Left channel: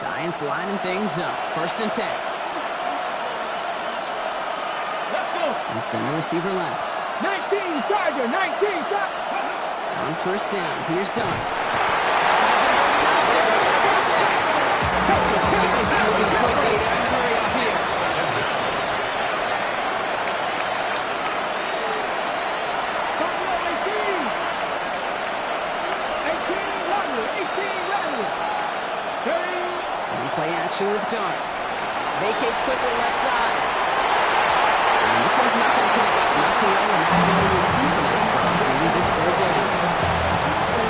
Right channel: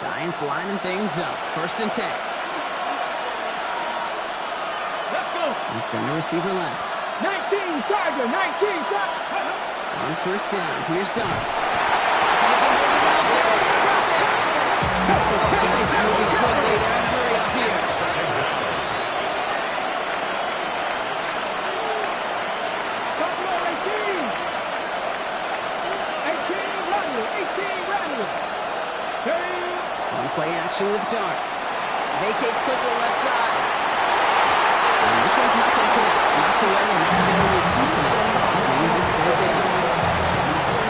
Giants lining things up. 1st and 10. Let's go. And send the receiver left. 19, Tiger, 19, stop. On 1st down, here's Dart. They're able to drop it. Giants moving quickly. They're in a hurry up here. One play action with Dart. Vacates quickly left side. And this one's not going to connect. Knocked away, and that failure to connect means it's 3rd down.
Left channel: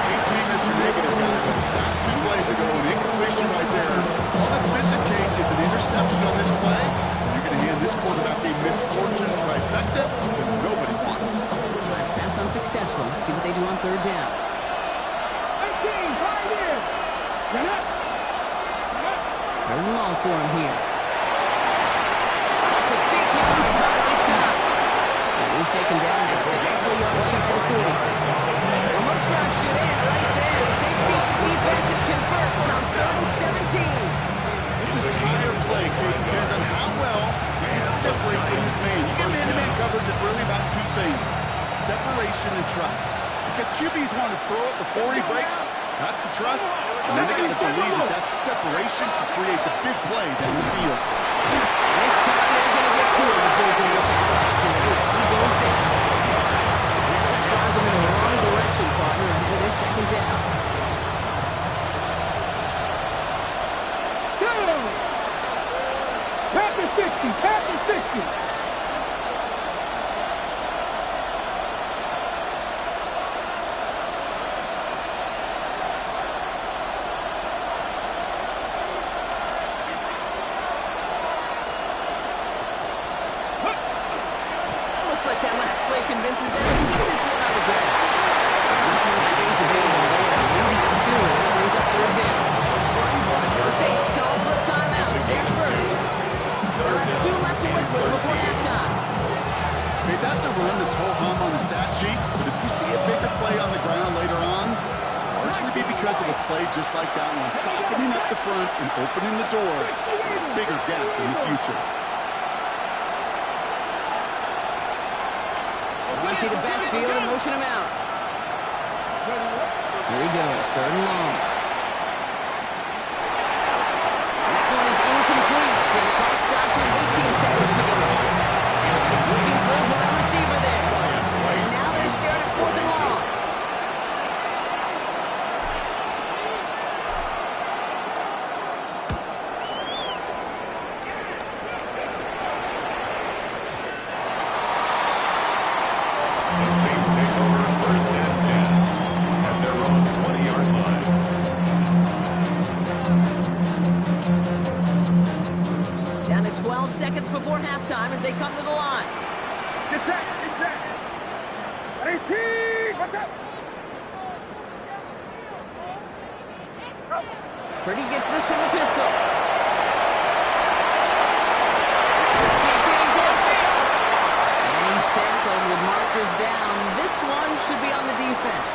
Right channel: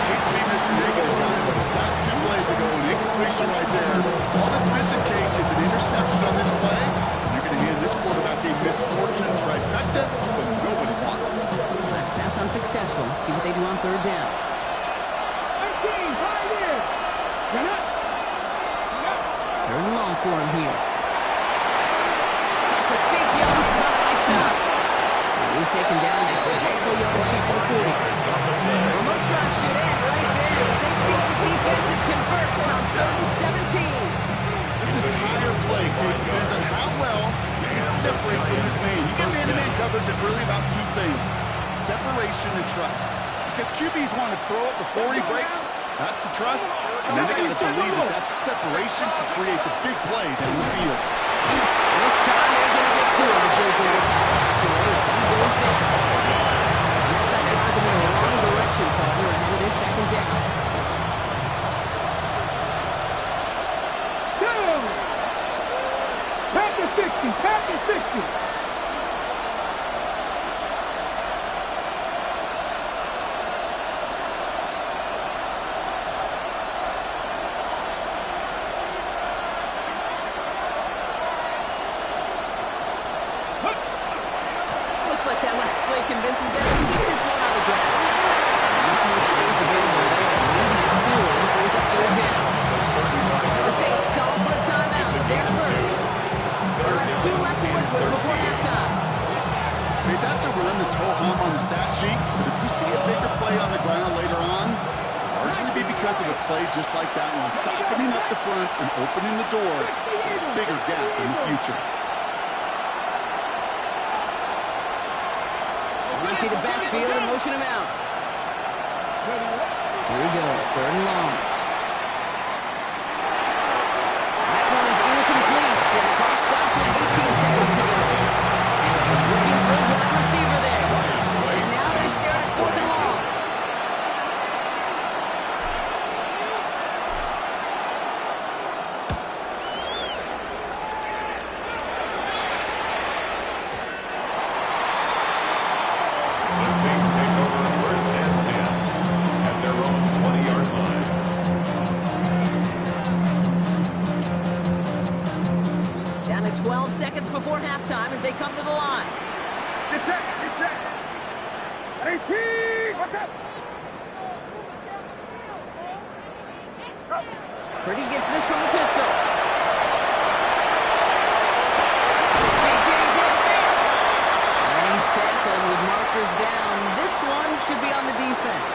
Hate to be Mr. Negative guy, but a sack 2 plays ago, an incompletion right there. All that's missing, Kate, is an interception on this play. You're going to hand this quarterback a misfortune trifecta that nobody wants. Last pass unsuccessful. Let's see what they do on 3rd down. 18, right here. Get up. 3rd and long for him here. For big yards on the right side. And he's taken down just a couple of yards shy of the 40. Well, most drives should end right there, but they beat the defense and converts on 3rd and 17. This entire play, Kate, depends on how well you can separate from this man. You get man-to-man coverage, it's really about 2 things: separation and trust. Because QBs want to throw it before he breaks. That's the trust. And then they got to believe that that separation can create the big play down the field. This time they're going to get to him before he can get that pass away. He goes down. And that's that drives him in the wrong direction, partner, ahead of this 2nd down. Past the 60, past the 60. Looks like that last play convinces them to get this one on the ground. Not much space available there. Maybe soon it brings up 3rd down. The Saints call for a timeout. They're first. They'll have 2 left to work with before halftime. Okay, that's a run that's ho-hum on the stat sheet, but if you see a bigger play on the ground later on, it'll largely be because of a play just like that one, softening up the front and opening the door for a bigger gap in the future. Empty the backfield and motion him out. Here he goes, 3rd and long. And that one is incomplete, and the clock stops with 18 seconds to go. Looking for his wide receiver there. And now they're staring at 4th and long. The Saints take over 1st and 10 at their own 20-yard line. Down to 12 seconds before halftime as they come to the line. Get set, get set. 18, what's up? Purdy gets this from the pistol. He's tackled with markers down. This one should be on the defense.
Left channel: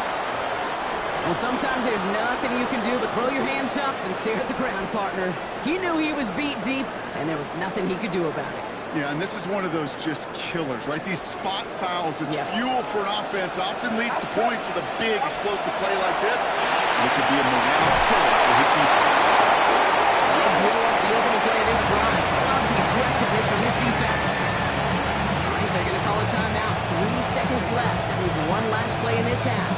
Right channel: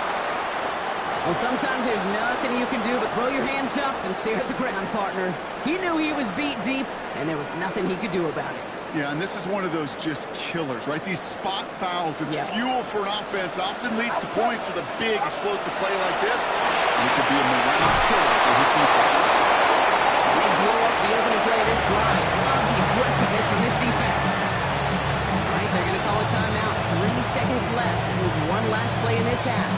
Well, sometimes there's nothing you can do but throw your hands up and stare at the ground, partner. He knew he was beat deep, and there was nothing he could do about it. Yeah, and this is one of those just killers, right? These spot fouls, it's fuel for an offense, often leads to points with a big explosive play like this. And it could be a morale killer for his defense. And they blow up the opening play of this drive. Love the aggressiveness from this defense. All right, they're going to call a timeout. 3 seconds left. That means one last play in this half.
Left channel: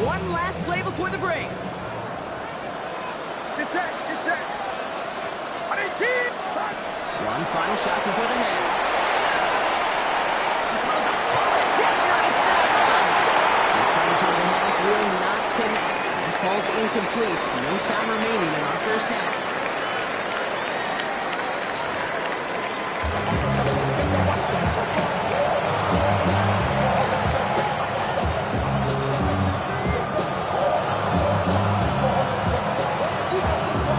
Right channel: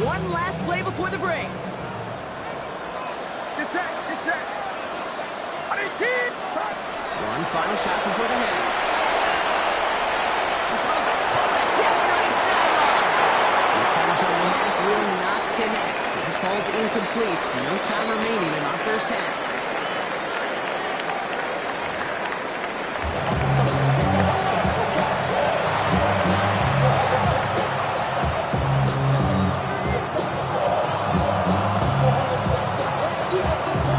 One last play before the break. Get set, get set. One final shot before the half. He throws a bullet down the right sideline. This final shot of the half will not connect. That falls incomplete. No time remaining in our first half.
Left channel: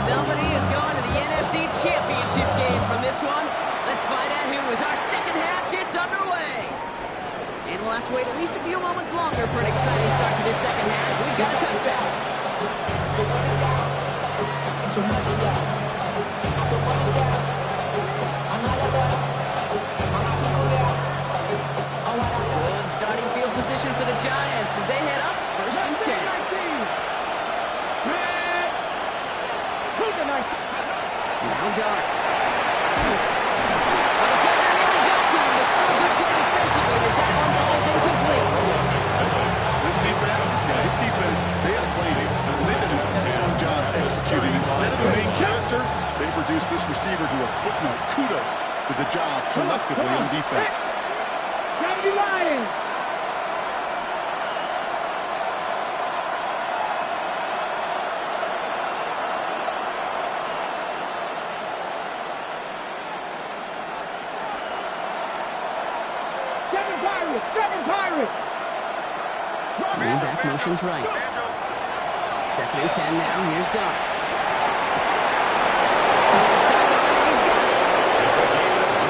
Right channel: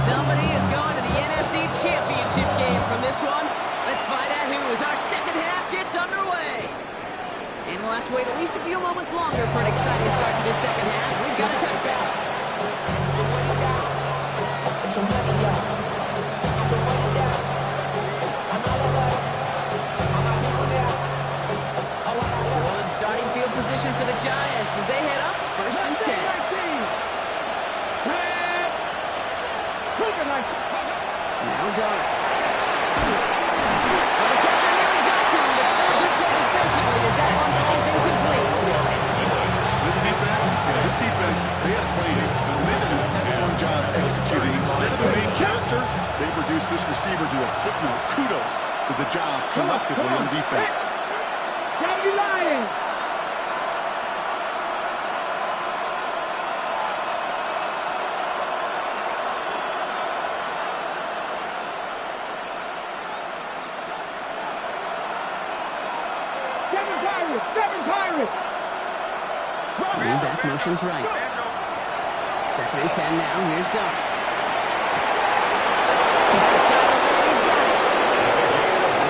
Somebody is going to the NFC Championship game from this one. Let's find out who as our second half gets underway. And we'll have to wait at least a few moments longer for an exciting start to this second half. We've got a touchback. Good starting field position for the Giants as they head up 1st and 10. Now Dart. Well, the pressure nearly got to him, but still a good play defensively as that one falls incomplete. This defense, they had a play. They did an excellent job executing. Instead of the main character, they've reduced this receiver to a footnote. Kudos to the job collectively on defense. Gotta be lying. Seven Pirates! Running back motion's right. 2nd and 10 now. Here's Dart. To the sideline, and he's got it.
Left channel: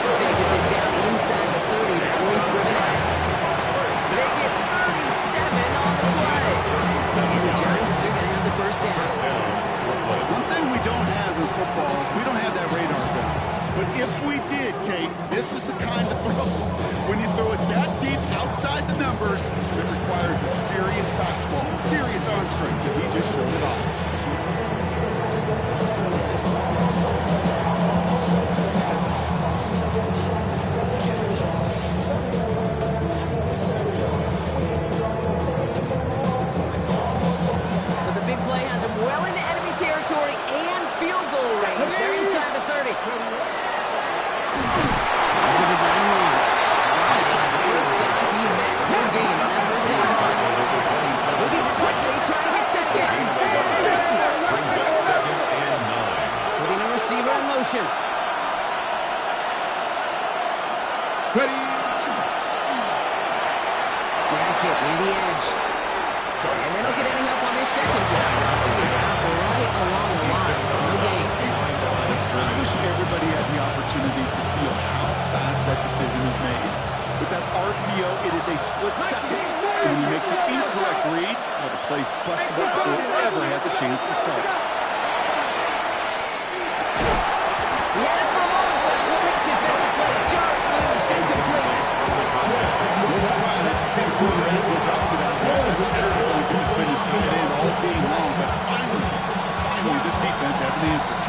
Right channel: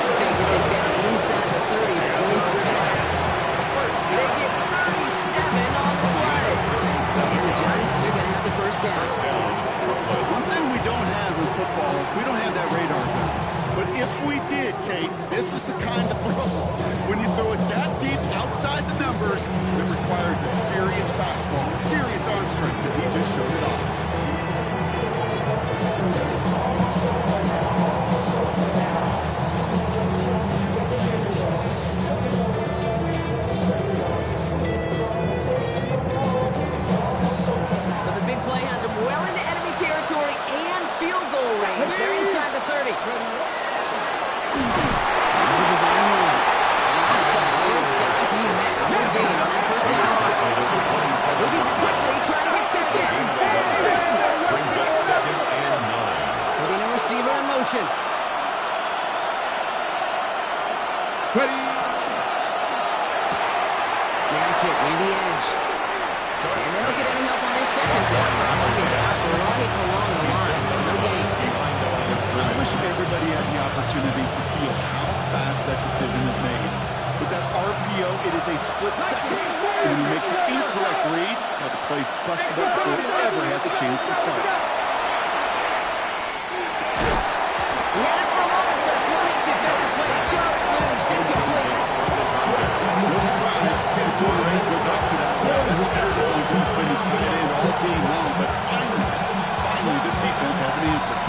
He's going to get this down inside the 30, but he's driven out. They get 37 on the play. And the Giants are going to have the first down. One thing we don't have in football is we don't have that radar gun. But if we did, Kate, this is the kind of throw. When you throw it that deep outside the numbers, it requires a serious fastball, serious arm strength, and he just showed it off. So the big play has him well into enemy territory and field goal range. They're inside the 30. Design one. First guy he met. No gain on that first down. Moving quickly, trying to get set again. Brings up 2nd and 9. Putting a receiver in motion. Ready. Snags it near the edge. And they don't get any help on this second down. Robert is out right along the line, so no gain. I wish everybody had the opportunity to feel how fast that decision is made. With that RPO, it is a split second. And when you make the incorrect read, the play's busted up before it ever has a chance to start. He had it for a moment, but a great defensive play. Jarrett loose, incomplete. No surprise to see the quarter end live up to that. That security blanket that's been his tight end all game long. But finally, this defense has an answer.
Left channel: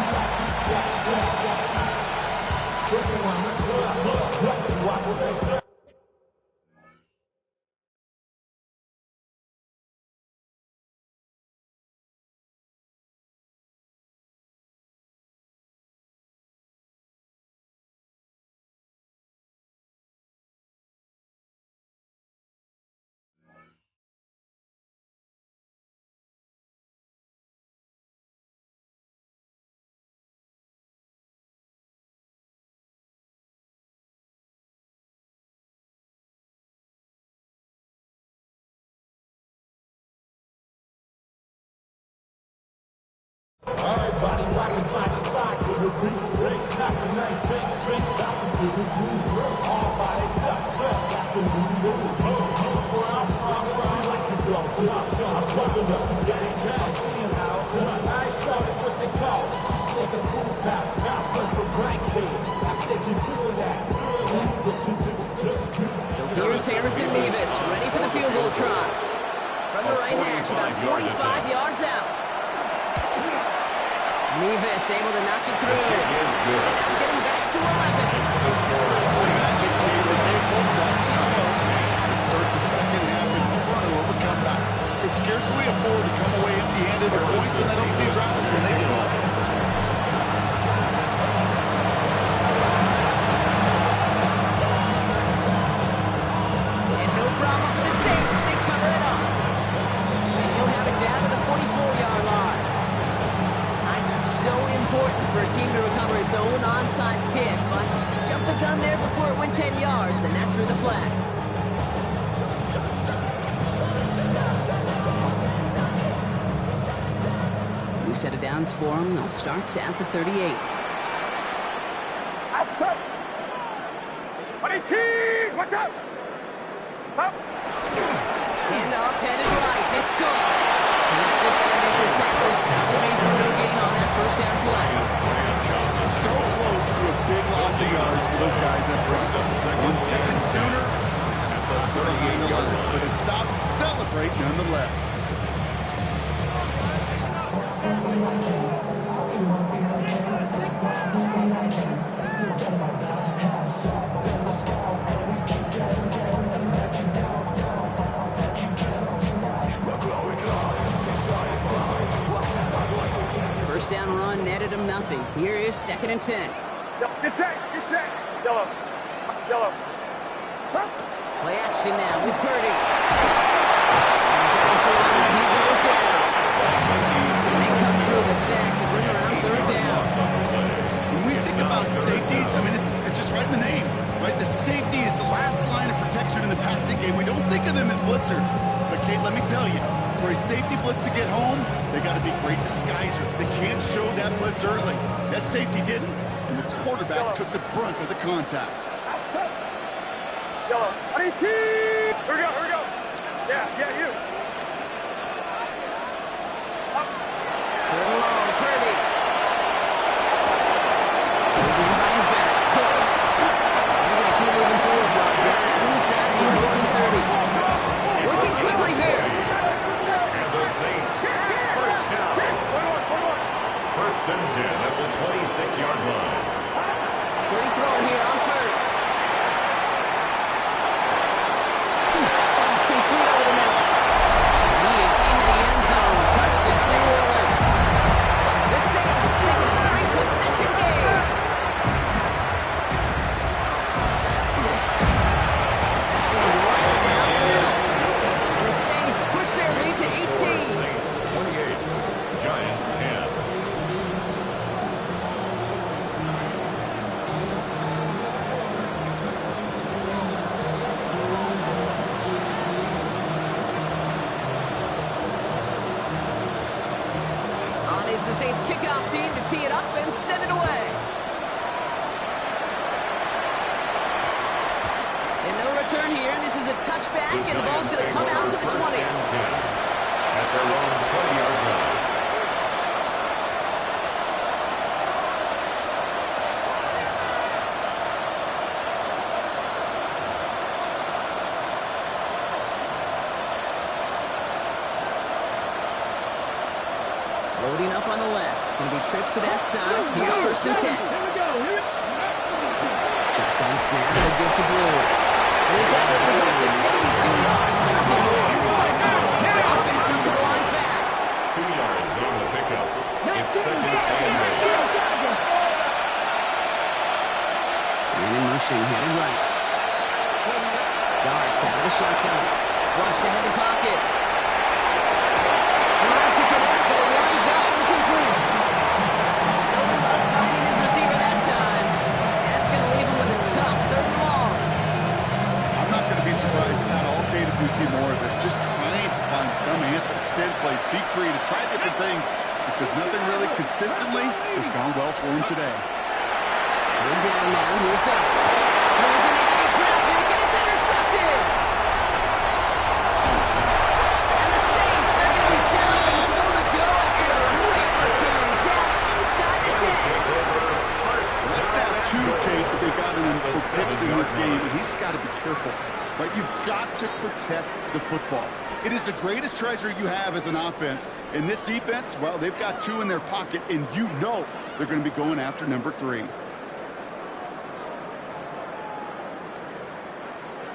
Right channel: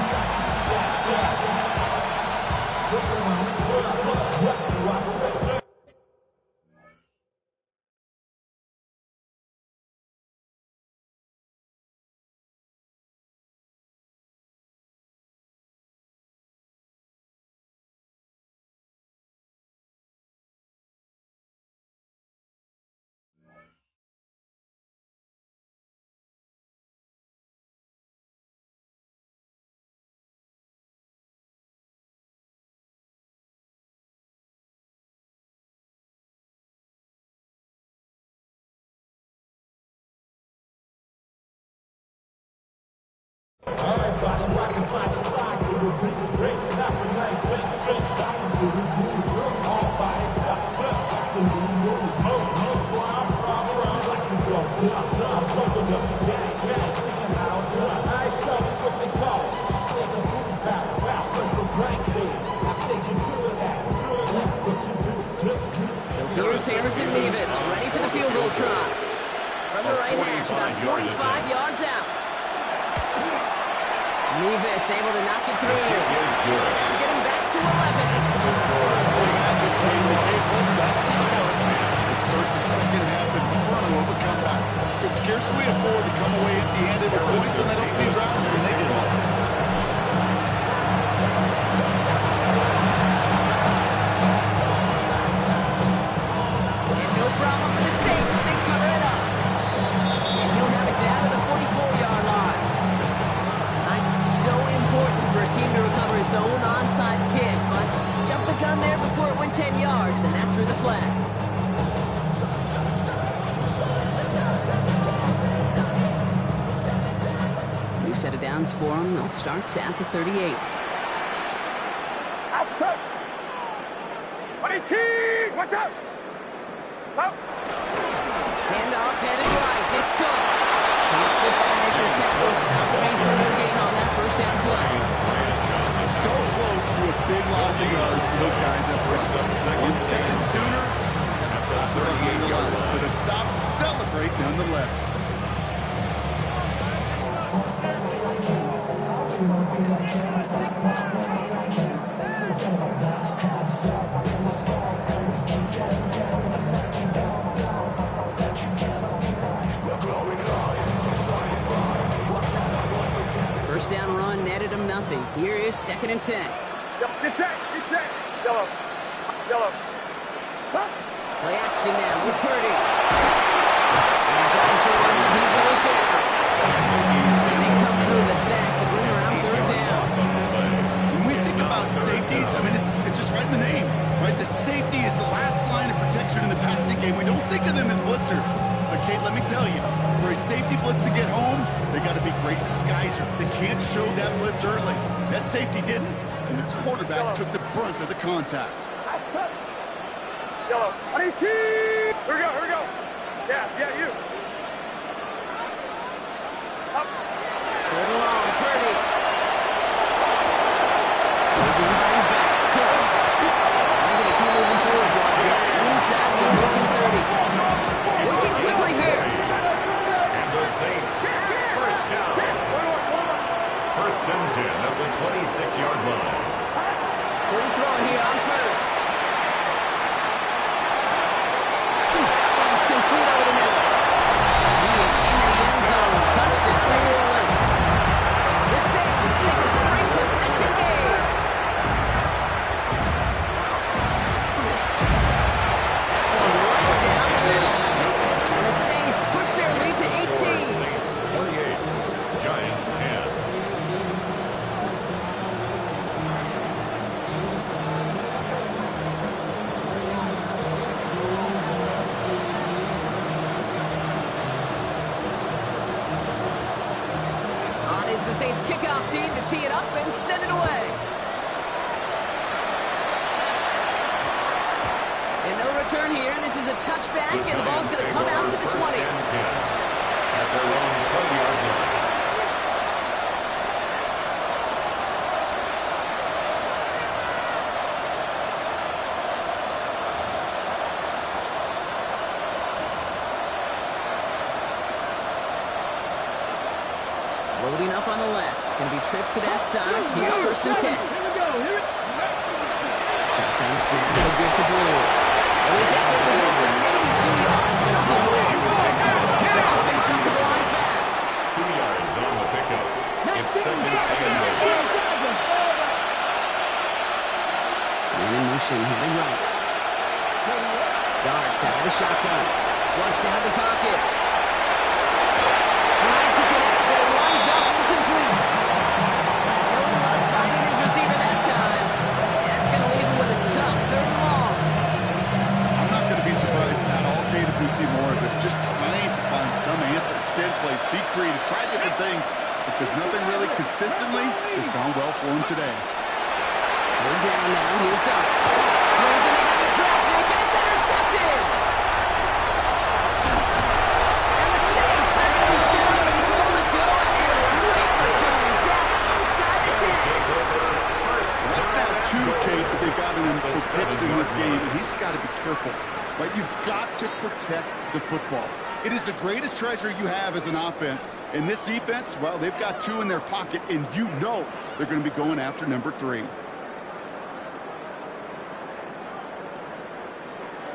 Everybody rockin' side to side to the beat. Red snap a knife, bang, trench, bouncing to the groove. All by itself, that's the new move. Where I'm from, she like to go dumb. I'm smoking up the gang, I'm seeing how it's done. I ain't showing what they call it. She said the food pattern, fast first for rank head. I said you're good at what you do, just do. So here's Harrison Mevis, ready for the field goal try. From the right hash, about 45 yards out. Mevis able to knock it through. The kick is good. And that'll get him back to 11. It's the score. Magic game that they hope that's the spark. It starts the second half inferno of a comeback. Could scarcely afford to come away empty-handed with points on that opening drive, and they did. And no problem for the Saints. They cover it up. And he'll have it down to the 44-yard line. So important for a team to recover its own onside kick, but jumped the gun there before it went 10 yards, and that drew the flag. New set of downs for them. They'll start at the 38. Outside. 18, watch out. Handoff headed right. It's Cook. Can't slip that initial tackle. Stops made for no gain on that first down play. So close to a big loss of yards for those guys up front. 1 second sooner, That's a 38-yard line. but a stop to celebrate nonetheless. First down run netted him nothing. Here is 2nd and 10. Get set. Yellow. Play action now with Purdy. And the Giants are on. He goes down. And they come through the sack to bring around 3rd down. When we think about safeties, I mean, it's just right in the name, right? The safety is the last line of protection in the passing game. We don't think of them as blitzers. But, Kate, let me tell you, for a safety blitz to get home, they got to be great disguisers. They can't show that blitz early. That safety didn't, and the quarterback took the brunt of the contact. Outside. Yellow. RT. Here we go. Yeah, you. Up. 3rd and long, Purdy. Purdy by his back. Cook. They're going to keep moving forward, block down inside the opposing 30. Working quickly here. And the Saints, first down. 1st and 10 at the 26-yard line. Purdy throwing here on 1st. That one's complete over the middle. He is into the end zone. Touchdown, New Orleans. The Saints making a 3-possession game. That one right down the middle. And the Saints push their lead to 18. Saints 28, Giants 10. On is the Saints kickoff team to tee it up and send it away. And no return here. This is a touchback, and the ball's going to come out to the 20. 1st and 10 at their own 20-yard line. Loading up on the left. It's going to be trips to that side. Here's 1st and 10. Here we go. Shotgun snap. No good to Blue. And his effort results in maybe 2 yards, but nothing more. Offense up to the line fast. 2 yards on the pickup. It's 2nd and 8. Man in motion, headed right. Darts out of the shotgun. Flushed out of the pocket. Trying to connect, but it lines up incomplete. No luck finding his receiver that time. That's going to leave him with a tough 3rd and long. I'm not going to be surprised at all, Kate, if we see more of this. Just trying to find some answer. Extend plays, be creative, try different things, because nothing really consistently has gone well for him today. 3rd down now. Here's Darts. Throws into heavy traffic, and it's intercepted. And the Saints are going to be set up and goal to go after a great return down inside the 10. That's now 2, Kate, that they've got him for picks in this game, and he's got to be careful. Right? You've got to protect the football. It is the greatest treasure you have as an offense. And this defense, well, they've got 2 in their pocket, and you know they're going to be going after number 3.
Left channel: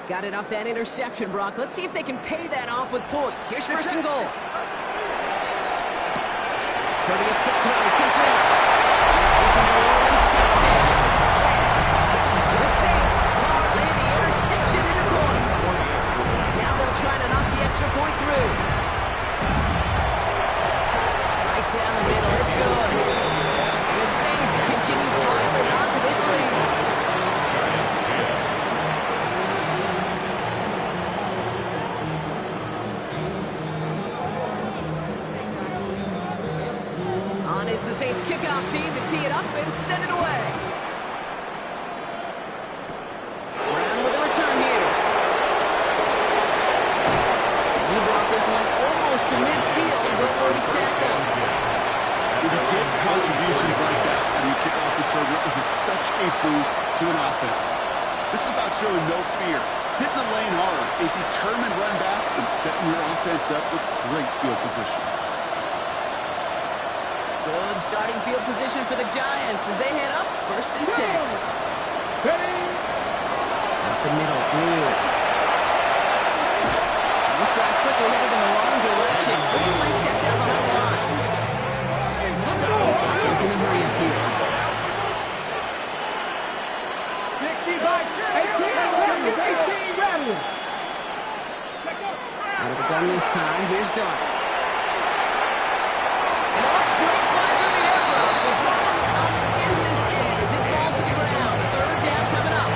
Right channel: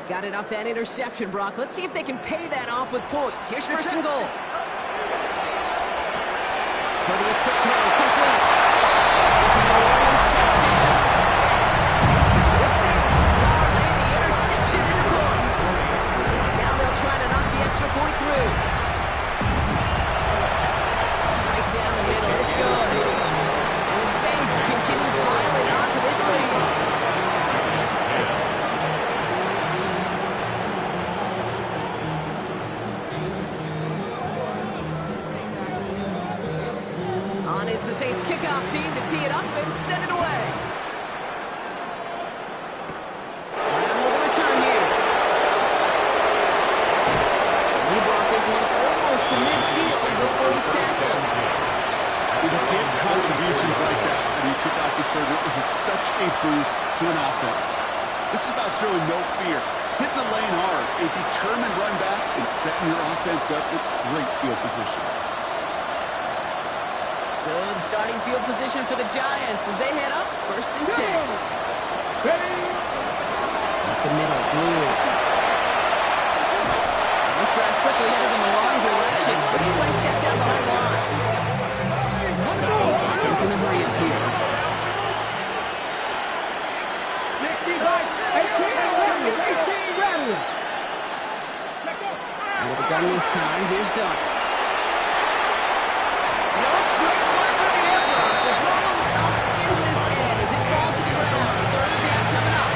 Got it off that interception, Brock. Let's see if they can pay that off with points. Here's 1st and goal. Purdy, a quick throw, complete. It's a New Orleans touchdown. The Saints parlay the interception into points. Now they'll try to knock the extra point through. Right down the middle, it's good. And the Saints continue piling onto this lead. Giants 10. On is the Saints kickoff team to tee it up and send it away. Brown with a return here. He brought this one almost to midfield before he's tackled. When you get contributions like that and you kick off returner, it is such a boost to an offense. This is about showing no fear, hitting the lane hard, a determined run back, and setting your offense up with great field position. Good starting field position for the Giants as they head up 1st and 10. Up the middle, Blue. This drive's quickly headed in the wrong direction. First play set down behind the line. Offense in a hurry up here. Out of the gun this time. Here's Dart. And it looks great flying through the air. The problems on the business end as it falls to the ground. 3rd down coming up.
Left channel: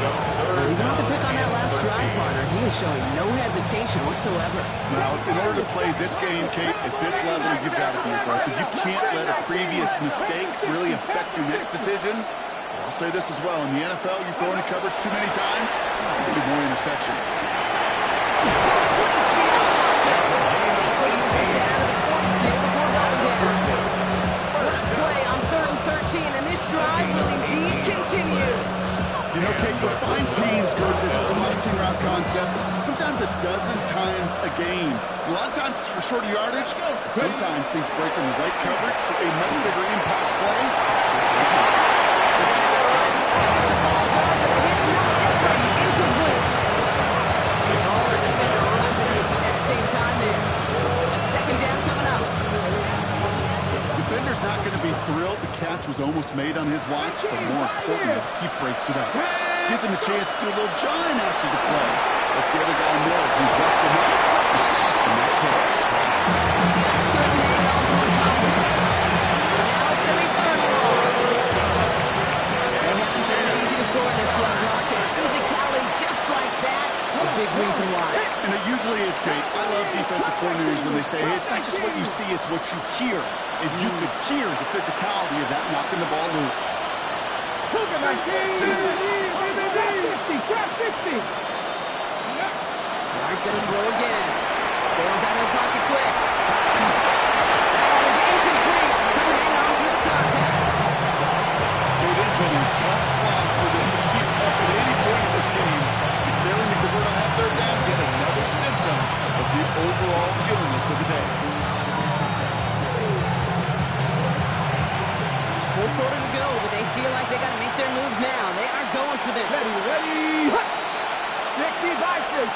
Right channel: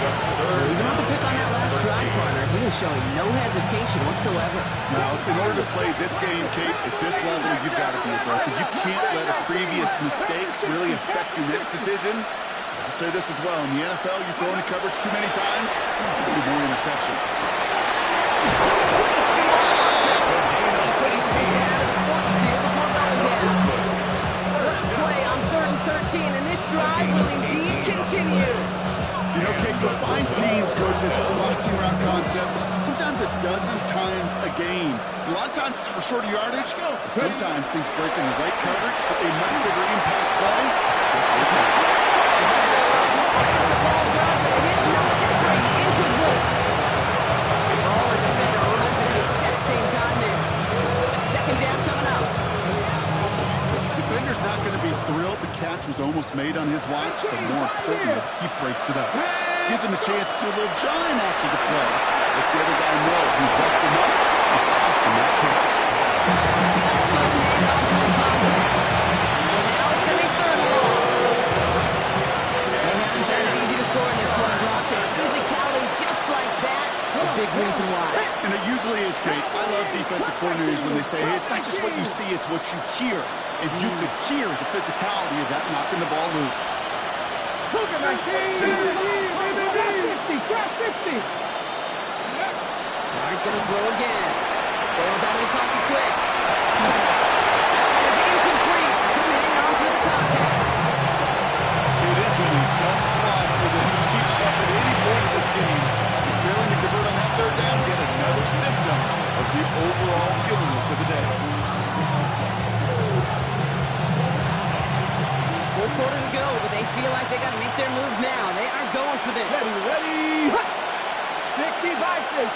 Well, you don't have to pick on that last drive, partner. He is showing no hesitation whatsoever. Now, in order to play this game, Kate, at this level, you've got to be aggressive. You can't let a previous mistake really affect your next decision. But I'll say this as well. In the NFL, you throw into coverage too many times, there'll be more interceptions. Complete beyond the marker. He pushes this down to the 42 before going down. What a play on 3rd and 13, and this drive will indeed continue. You know, Kate, you'll find teams go to this crossing route concept sometimes a dozen times a game. A lot of times it's for shorter yardage. Sometimes things break in the right coverage for a much bigger impact play. Just like that. Defender runs right as the ball does, and the hit knocks it free. Incomplete. Oh, the defender runs at the exact same time there. So it's 2nd down coming up. Defender's not going to be thrilled the catch was almost made on his watch, but more importantly, he breaks it up. Gives him a chance to do a little jawing after the play. Lets the other guy know who roughed him up and cost him that catch. Just couldn't hang on to the contact. So now it's going to be 3rd and long. They haven't found it easy to score in this one, Brock. And physicality just like that, a big reason why. And it usually is, Kate. I love defensive coordinators when they say, hey, it's not just what you see, it's what you hear. And you could hear the physicality of that knocking the ball loose. Aren't going to throw again. Bails out of the pocket quick. That one is incomplete. Couldn't hang on through the contact. It has been a tough slog for them to keep up at any point in this game. And failing to convert on that 3rd down, yet another symptom of the overall illness of the day. Full quarter to go, but they feel like they got to make their move now. They are going for this. Ready. 60 Bison.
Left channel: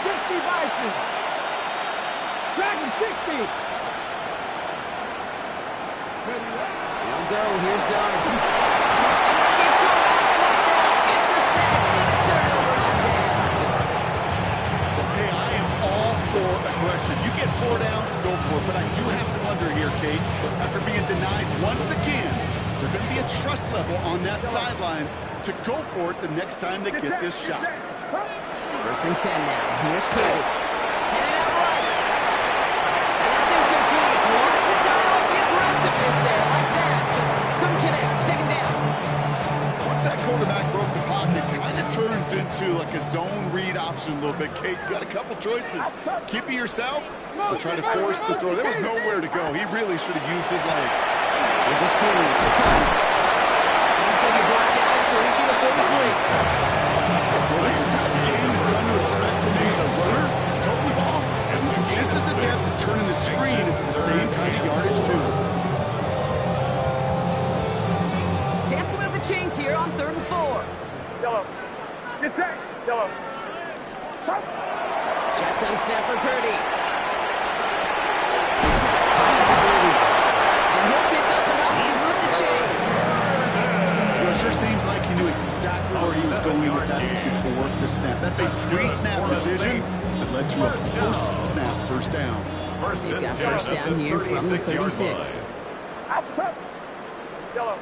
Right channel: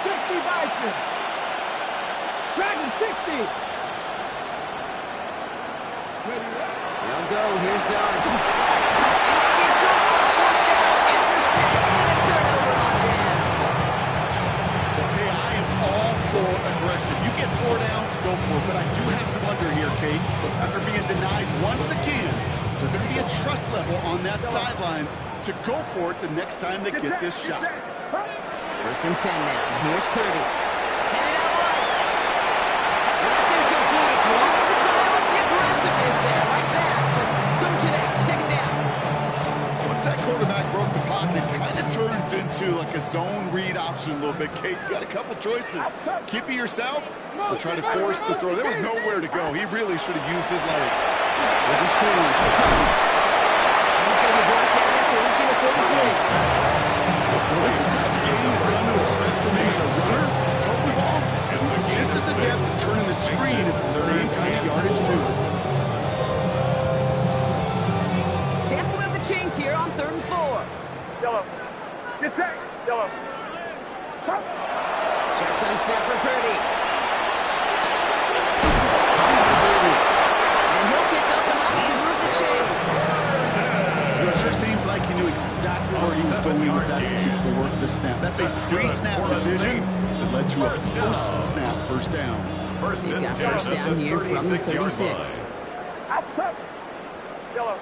Dragon 60. Ready. They'll go. Here's Darts. And they get to it on 4th down. It's a sack and a turnover on down. Hey, I am all for aggression. You get 4 downs, go for it. But I do have to wonder here, Kate, after being denied once again, is there going to be a trust level on that sidelines to go for it the next time they get this shot? 1st and 10 now. Here's Purdy. Headed out right. And that's incomplete. Wanted to dial up the aggressiveness there like that, but couldn't connect. 2nd down. Once that quarterback broke the pocket, kind of turns into like a zone read option a little bit, Kate. You got a couple choices. Keep it yourself or try to force the throw. There was nowhere to go. He really should have used his legs. Here's a screen. And he's going to be brought down after reaching the 43. Well, this is the type of game you've come to expect from him as a runner, toting the ball. He's just as adept at turning the screen into the same kind of yardage, too. Chance to move the chains here on 3rd and 4. Yellow. Get set. Yellow. Shotgun snap for Purdy. It's caught by Purdy. And he'll pick up enough to move the chains. It sure seems like he knew exactly where he was going with that before the snap. That's a pre-snap decision that led to a post-snap 1st down. They've got 1st down here from the 36. Outside. Yellow.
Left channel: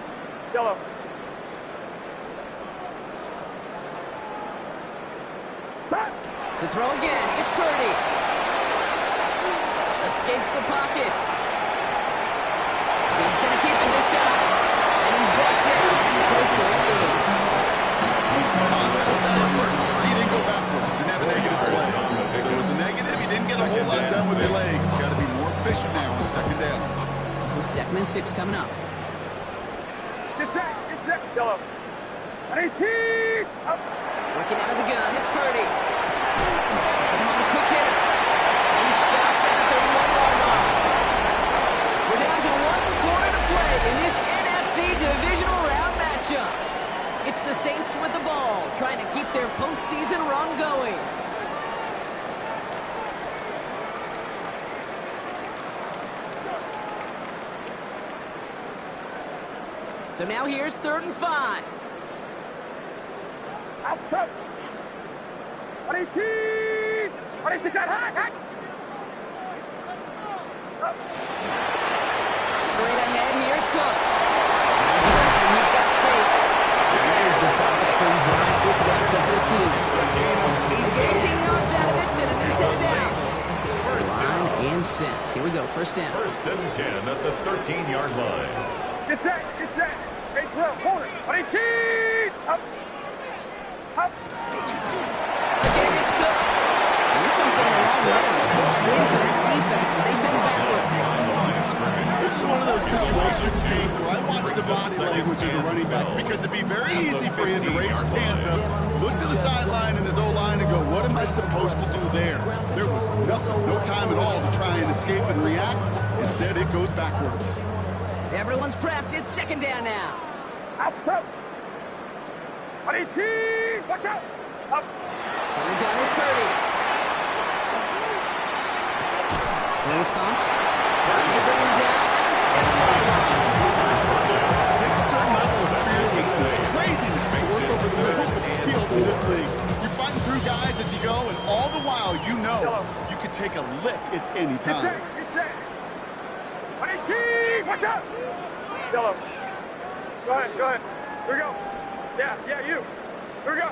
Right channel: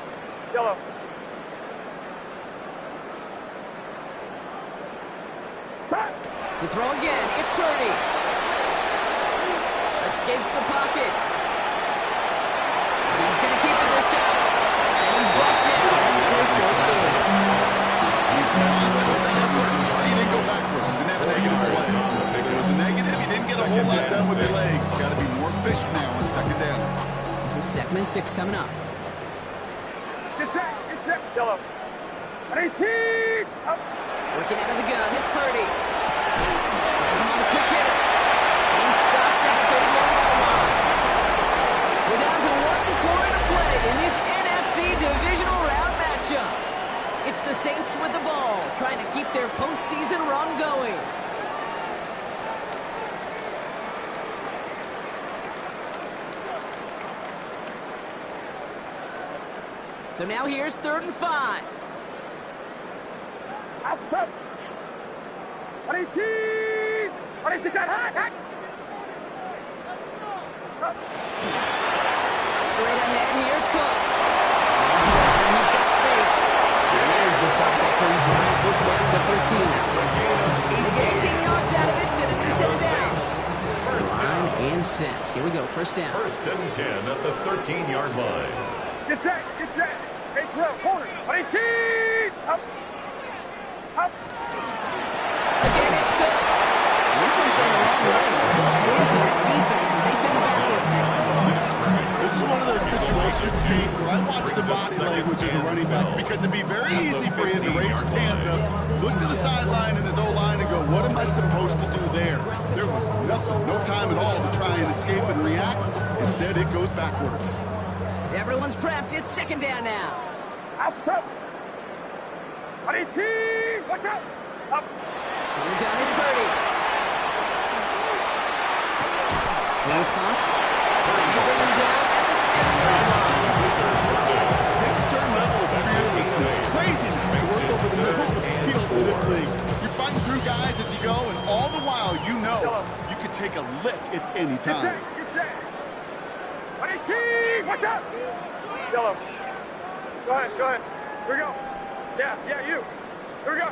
To throw again, it's Purdy. Escapes the pocket. He's going to keep it this time. And he's brought down for a 4th gain. He's positive with that effort. He didn't go backwards. Didn't have a negative play. If it was a negative, he didn't get a whole lot done with your legs. Got to be more efficient now on second down. This is 2nd and 6 coming up. Get set, yellow. 18, up. Working out of the gun, it's Purdy. Gets him on the quick hitter. He's stopped at the 31-yard line. We're down to 1 quarter to play in this NFC divisional round matchup. It's the Saints with the ball, trying to keep their postseason run going. So now here's 3rd and 5. Outside. 18, hot. Up. Straight ahead, here's Cook. And he's got space. And there's the stop after he drives this down to the 13. They get 18 yards out of it and a new set of downs. Line and set. Here we go, 1st down. 1st and 10 at the 13-yard line. Get set. H-Will, corner. 18, up. Again, it's Cook. And this one's going a long way. Nice win for that defense as they send it backwards. This is one of those situations, Pete, where I watch the body language of the running back because it'd be very easy for him to raise his hands up, look to the sideline in his O-line and go, what am I supposed to do there? There was nothing, no time at all to try and escape and react. Instead, it goes backwards. Everyone's prepped. It's 2nd down now. Outside. 18, watch out. Up. On the gun is Purdy. Rose caught. And they bring him down at the 7-yard line. It takes a certain level of fearlessness, craziness to work over the middle of the field in this league. You're fighting through guys as you go, and all the while you know you could take a lick at any time. Get set. 18, watch out. Yellow. Go ahead. Here we go. Yeah, you. Here we go.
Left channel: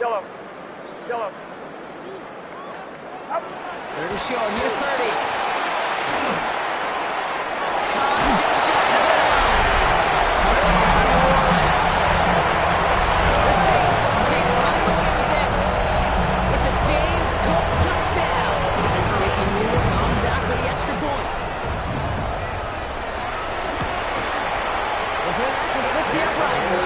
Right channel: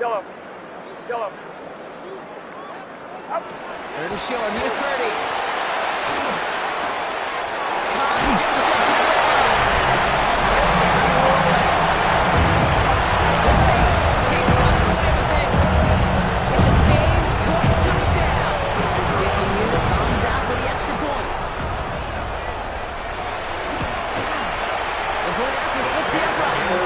Yellow. Up. 3rd and short. Here's Purdy. Caught, just shuts it down. Touchdown, New Orleans. The Saints keep running away with this. It's a James Cook touchdown. Kicking unit comes out for the extra point. The point after splits the uprights.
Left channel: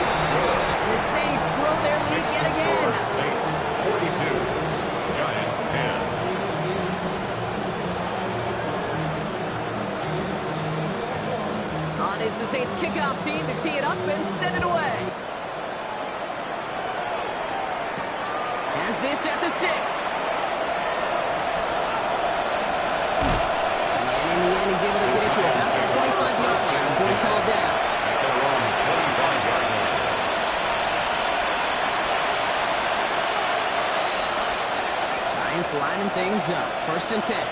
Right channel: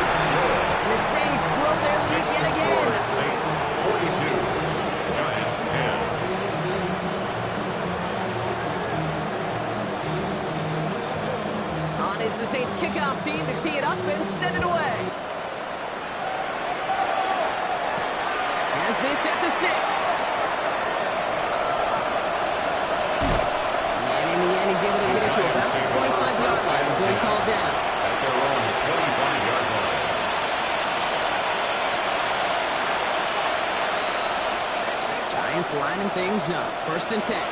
And the Saints grow their lead yet again. Saints 42, Giants 10. On is the Saints kickoff team to tee it up and send it away. Has this at the 6. And in the end, he's able to get it to about the 25-yard line before he's hauled down. At their own 25-yard line. Giants lining things up. 1st and 10.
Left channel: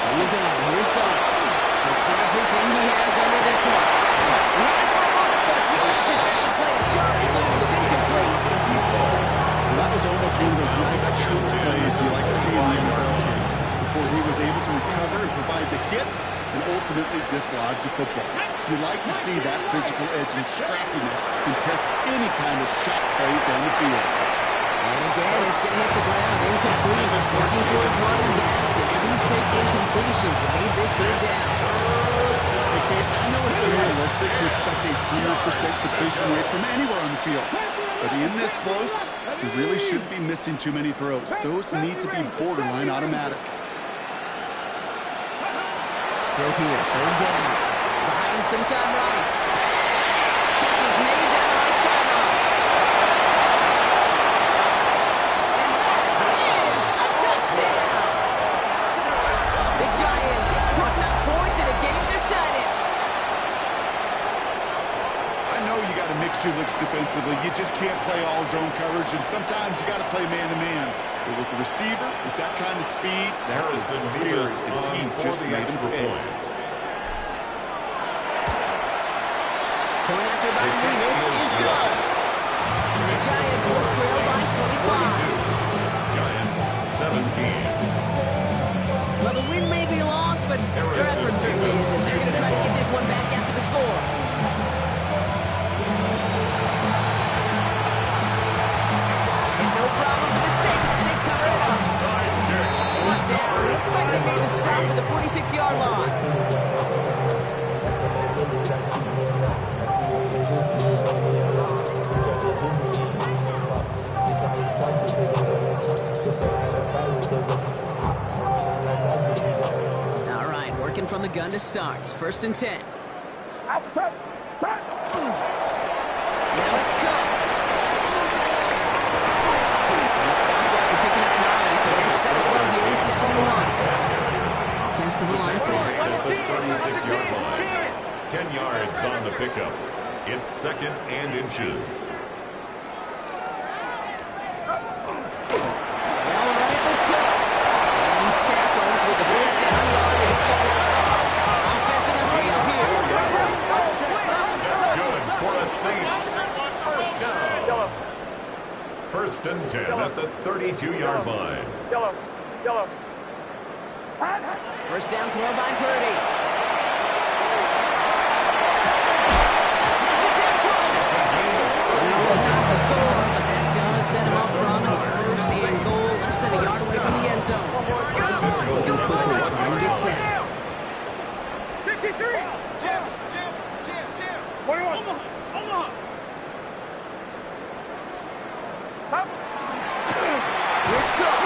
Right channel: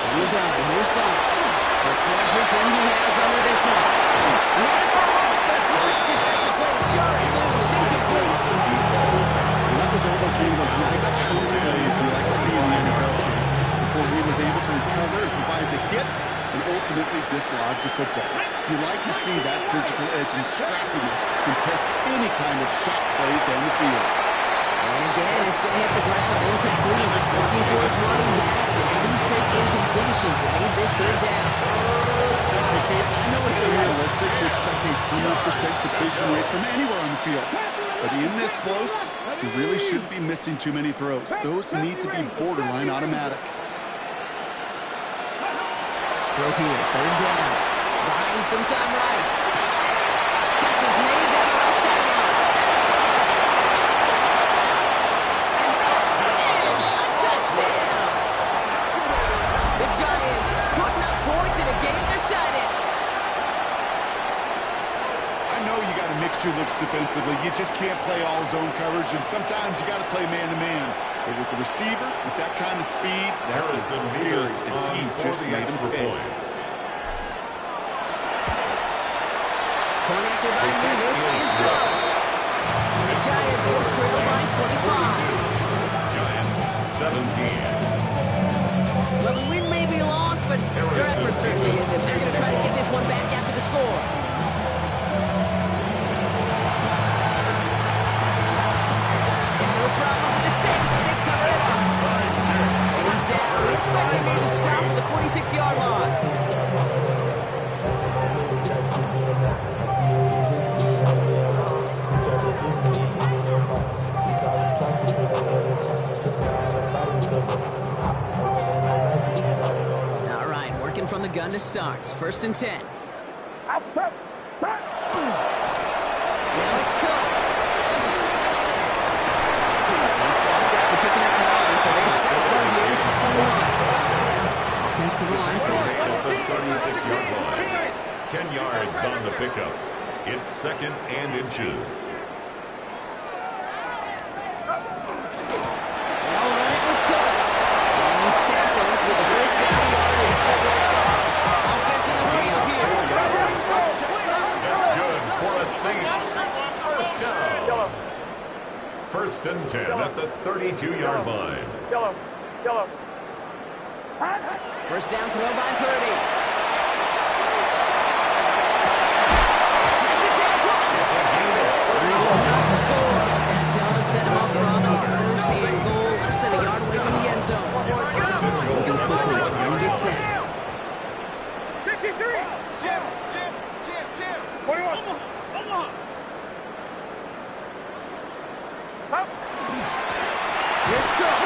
On the gun, here's Dart. Puts everything he has under this one. Ran it for a moment, but a brilliant defensive play to Charlie loose, incomplete. Well, that was almost one of those nice chunk plays you like to see in the NFL game, before he was able to recover and provide the hit and ultimately dislodge the football. You like to see that physical edge and scrappiness to contest any kind of shot plays down the field. And again, it's going to hit the ground. Incomplete. Looking for his running back. And 2 straight incompletions that made this 3rd down. Hey, Kate, I know it's unrealistic to expect a 100% completion rate from anywhere on the field. But in this close, you really shouldn't be missing too many throws. Those need to be borderline automatic. Throw here, 3rd down. Behind some time right. Catch is made down the right sideline. And that is a touchdown. The Giants putting up points in a game decided. I know you got to mix your looks defensively. You just can't play all zone coverage, and sometimes you got to play man-to-man. But with the receiver, with that kind of speed, that was scary, and he just made him pay. Point after by Levis is good. And the Giants will trail by 25. Giants 17. Well, the win may be lost, but their effort certainly isn't. They're going to try to get this one back after the score. Looks like they made the stop at the 46-yard line. All right, working from the gun to start. 1st and 10. Outside. Now it's Cook. He stopped after picking up 9, so they're set up well here, 2nd and 1. Offensive line forwards. At the 36-yard line. 10 yards on the pickup. It's 2nd and inches. They'll run it with Cook. And he's tackled with the 1st down yardage. Offense in the hurry up here. That's good for a Saints. 1st down. Yellow. 1st and 10 at the 32-yard line. Yellow. 1st down throw by Purdy. It's a tackle. They will not score, but that does set him up wrong on 1st and goal, less than a yard away from the end zone. Looking quickly, trying to get set. 53. Jim. 21. Up. Here's Cook.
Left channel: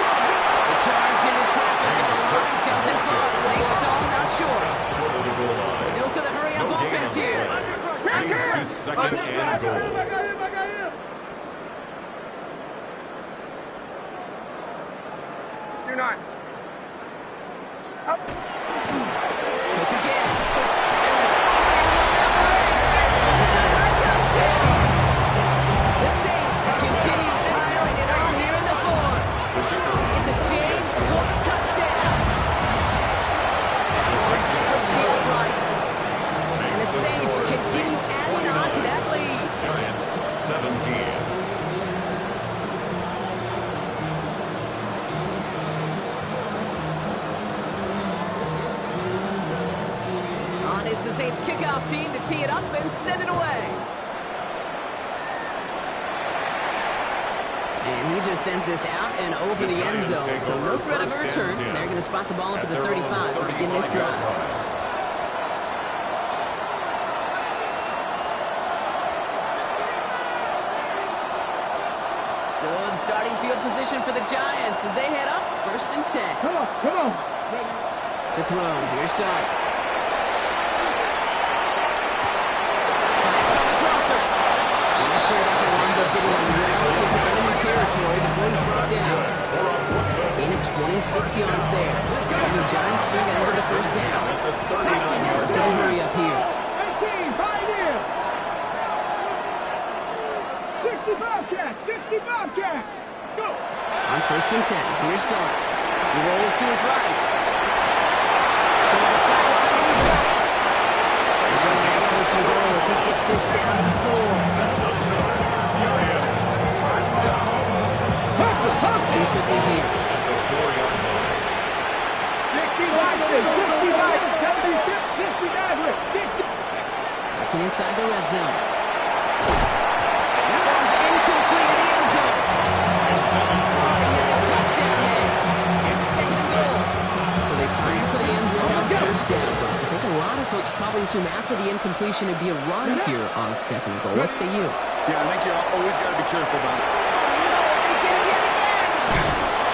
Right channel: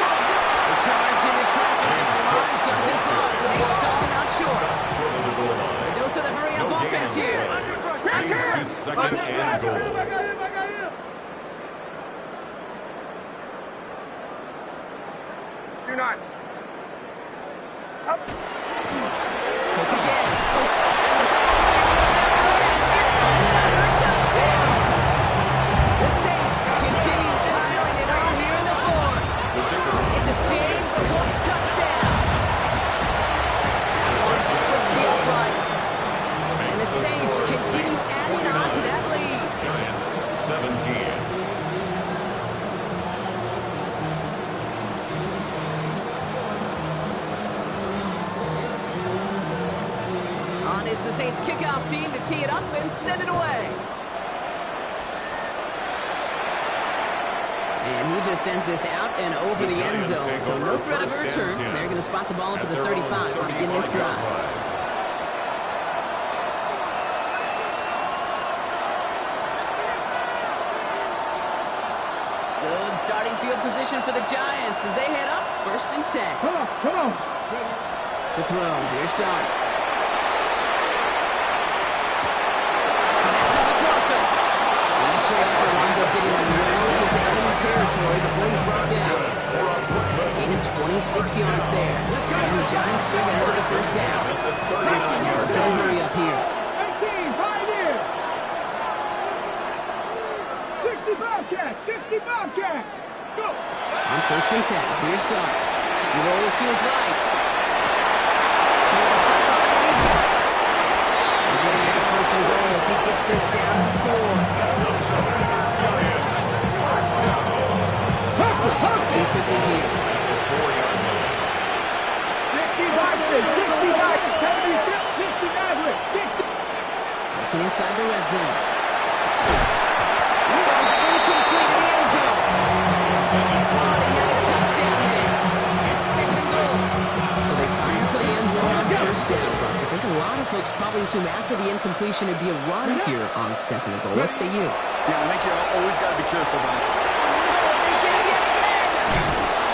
The charge into traffic, and the line doesn't budge. They stall out short. Short of the goal line. Dose of the hurry-up No gain offense on the here. play. Leads to 2nd and goal. I got him. You're not. Up. Cook again. And the scoring will never end. It's another touchdown. The Saints continue piling it on here in the 4th. The kicker. It's a James Cook touchdown. That one splits the uprights. And the Saints continue adding on to that lead. Giants 17. On is the Saints kickoff team to tee it up and send it away. And he just sends this out and over the end zone. So no threat of a return. They're going to spot the ball up at the 35 to begin this drive. Good starting field position for the Giants as they head up 1st and 10. Come on. To throw. Here's Dart. Connects on the crosser. And this great effort winds up getting them well into enemy territory before he's brought down. Gain of 26 yards there. And the Giants still get over the 1st down. Dose of the hurry up here. 18, Pioneer. 60 Bobcat. Go. On 1st and 10, here's Dart. He rolls to his right. To the sideline, and he's got it. He's going to have 1st and goal as he gets this down to the 4. Giants 1st down. And quickly here. At the 4-yard line. 60. Working inside the red zone. That one's incomplete in the end zone. Thought he had a touchdown there. It's 2nd and goal. So they fire for the end zone on 1st down. But I think a lot of folks probably assume after the incompletion it'd be a run here on 2nd and goal. What say you? Yeah, I think you always got to be careful about it. No, they get him yet again.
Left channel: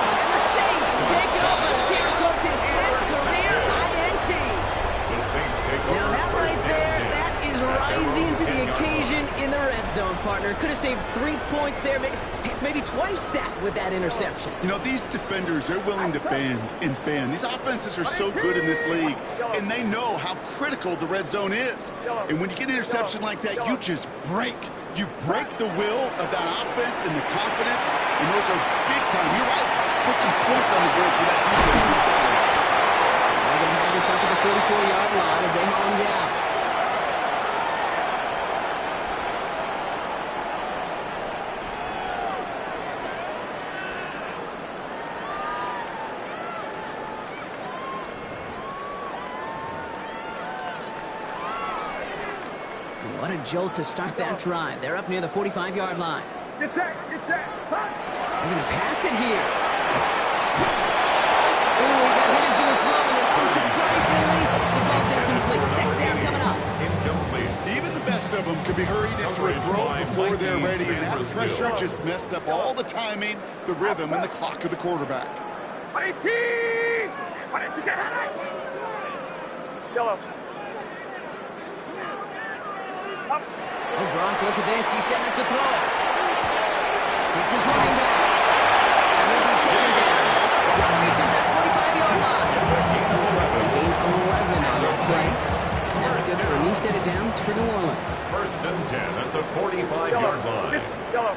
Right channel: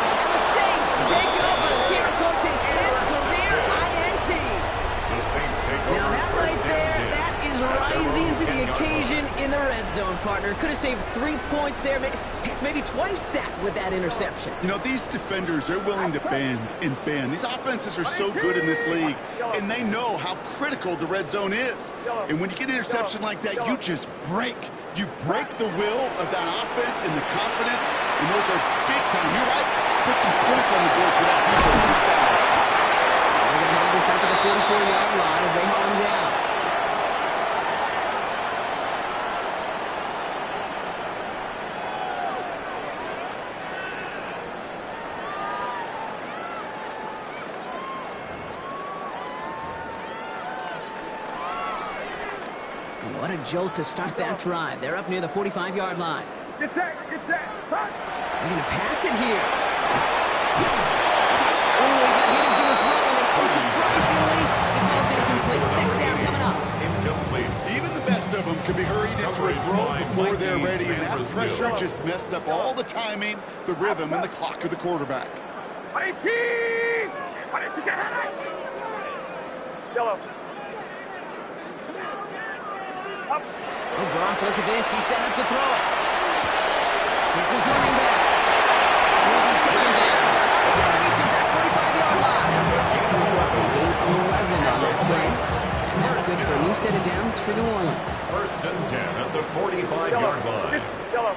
And the Saints take over. Jericho's his 10th career INT. The Saints take over. Now that right 1st there, and 10. that is rising to the occasion in the red zone, partner. Could have saved 3 points there, maybe twice that with that interception. You know, these defenders, they're willing to bend and bend. These offenses are so good in this league, and they know how critical the red zone is. And when you get an interception like that, you just break. You break the will of that offense and the confidence, and those are big time. You're right. Put some points on the board for that defense with that one. They're going to have this up at the 44-yard line as they haul him down. What a jolt to start that drive. They're up near the 45-yard line. Get set. Run. They're going to pass it here. Ooh, he got hit as he was throwing, and unsurprisingly, it falls incomplete. Second down coming up. Incomplete. Even the best of them could be hurried into a throw before they're ready, and that pressure just messed up all the timing, the rhythm, and the clock of the quarterback. Yellow. Up. Oh, Gronk, look at this. He's setting up to throw it. It's his running back. And he'll be taken down until he reaches that 45-yard line. It's a gain of 11. Gain 11 on that play. And that's good for a new set of downs for New Orleans. First and 10 at the 45-yard line. Yellow.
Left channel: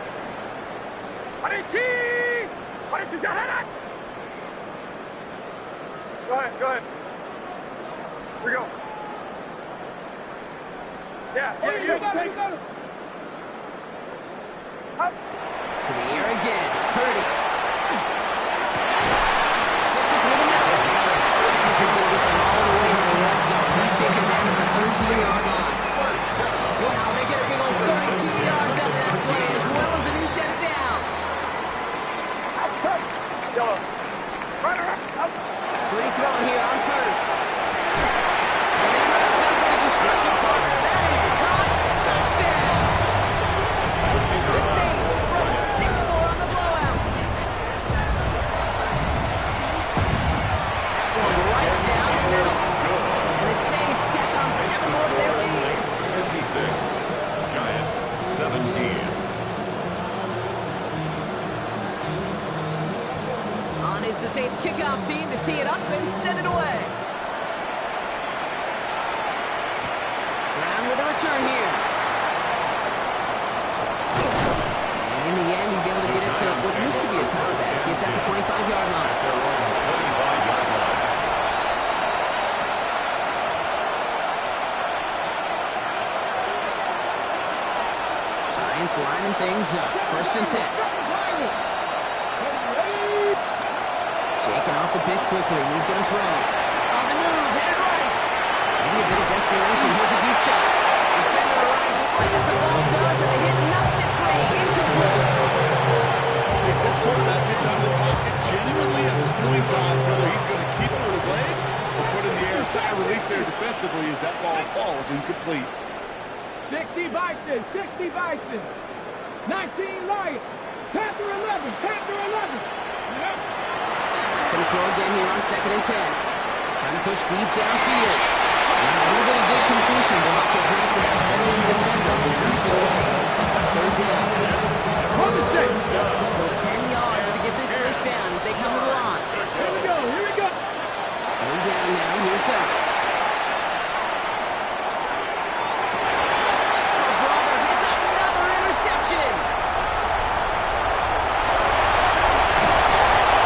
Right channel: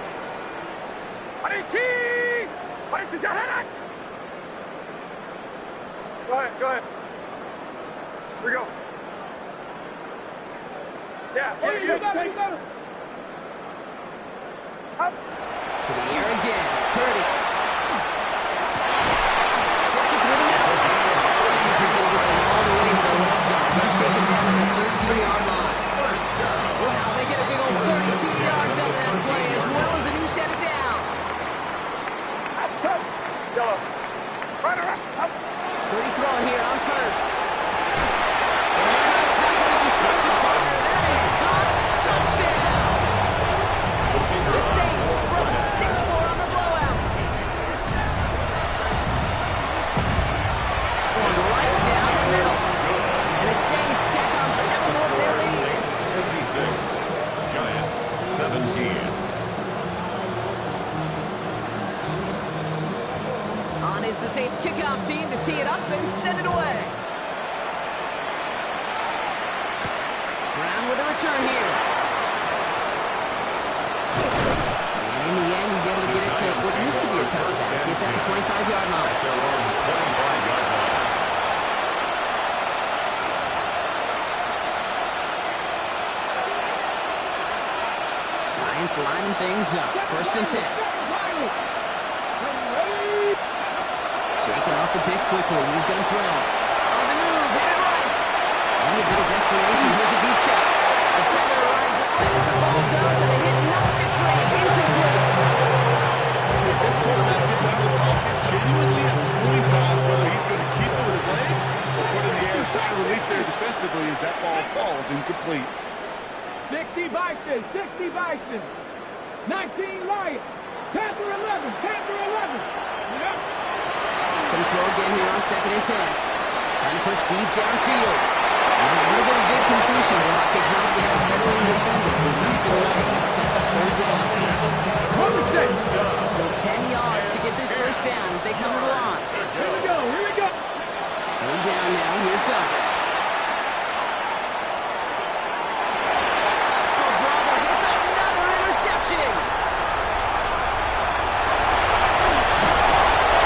Go ahead, go ahead. Here we go. Yeah, you got it. Up. To the air again. Purdy. Gets it through the middle. And this is going to get them all the way to the red zone. He's taken down at the 13-yard line. Wow, they get a big old 32 yards out of that play, as well as a new set of downs. Outside. Yellow. Right around. Up. Purdy throwing here on first. And they're not stopping the destruction partner. That is caught. Touchdown. The Saints throwing 6 more on the blowout. One right down the middle. And the Saints tack on 7 more to their lead. Saints 56, Giants 17. On is the Saints kickoff team to tee it up and send it away. Brown with a return here. And in the end, he's able to get it to what used to be a touchback. It's at the 25-yard line. At their own 25-yard line. Giants lining things up. First and 10. Shaking off the pick quickly. He's going to throw. On the move. Headed right. Maybe a bit of desperation. Here's a deep shot. Defender arrives right as the ball does, and the hit knocks it free. Incomplete. If this quarterback gets out of the pocket, genuinely a coin toss whether he's going to keep it with his legs or put in the air. Sigh of relief there defensively as that ball falls incomplete. 60 Bison, 60 Bison, 19 Lions, Panther 11, Panther 11. Yep. It's going to throw again here on second and 10. Trying to push deep downfield. And a little bit of big completion block is not for that veteran defender who knocked it away. It sets up third down. Still 10 yards to get this first down as they come to the line. Here we go, here we go. Third down now. Here's Dux. Oh, brother, it's another interception.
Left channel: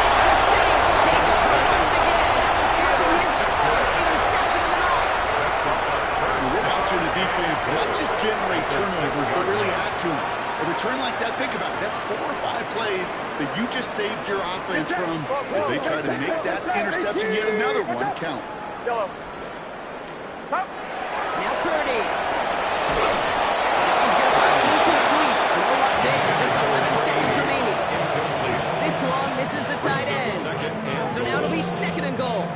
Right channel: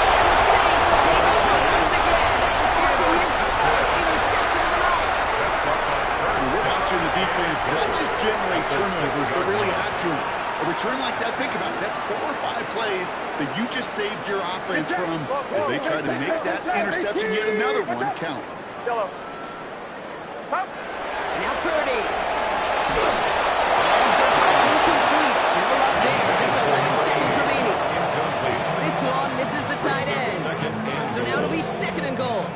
And the Saints take over once again after forcing his fourth interception of the night. Sets up the first We're down. watching the defense not just generate turnovers, but really add to them. A return like that, think about it, that's 4 or 5 plays that you just saved your offense from as they try to make that interception, yet another one, count. Yellow. Up. Now Purdy. That one's going to find incomplete. No luck there. Just 11 seconds remaining. Incomplete. This one misses the tight end. So now it'll be second and goal.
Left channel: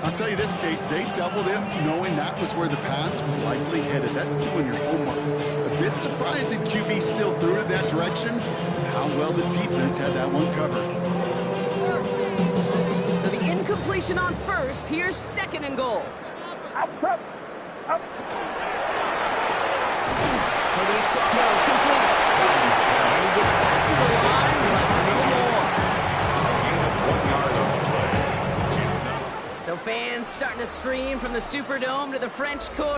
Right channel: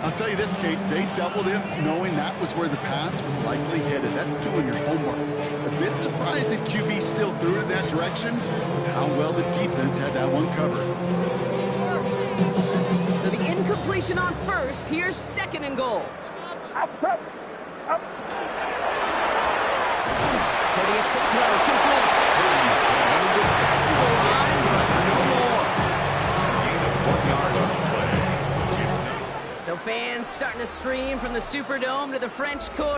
I'll tell you this, Kate, they doubled him knowing that was where the pass was likely headed. That's doing your homework. A bit surprising QB still threw it in that direction, and how well the defense had that one covered. So the incompletion on first. Here's second and goal. Up. Up. Purdy, a quick throw, complete. And he gets back to the line, but no more. A gain of 1 yard on the play. It's not. So fans starting to stream from the Superdome to the French Quarter.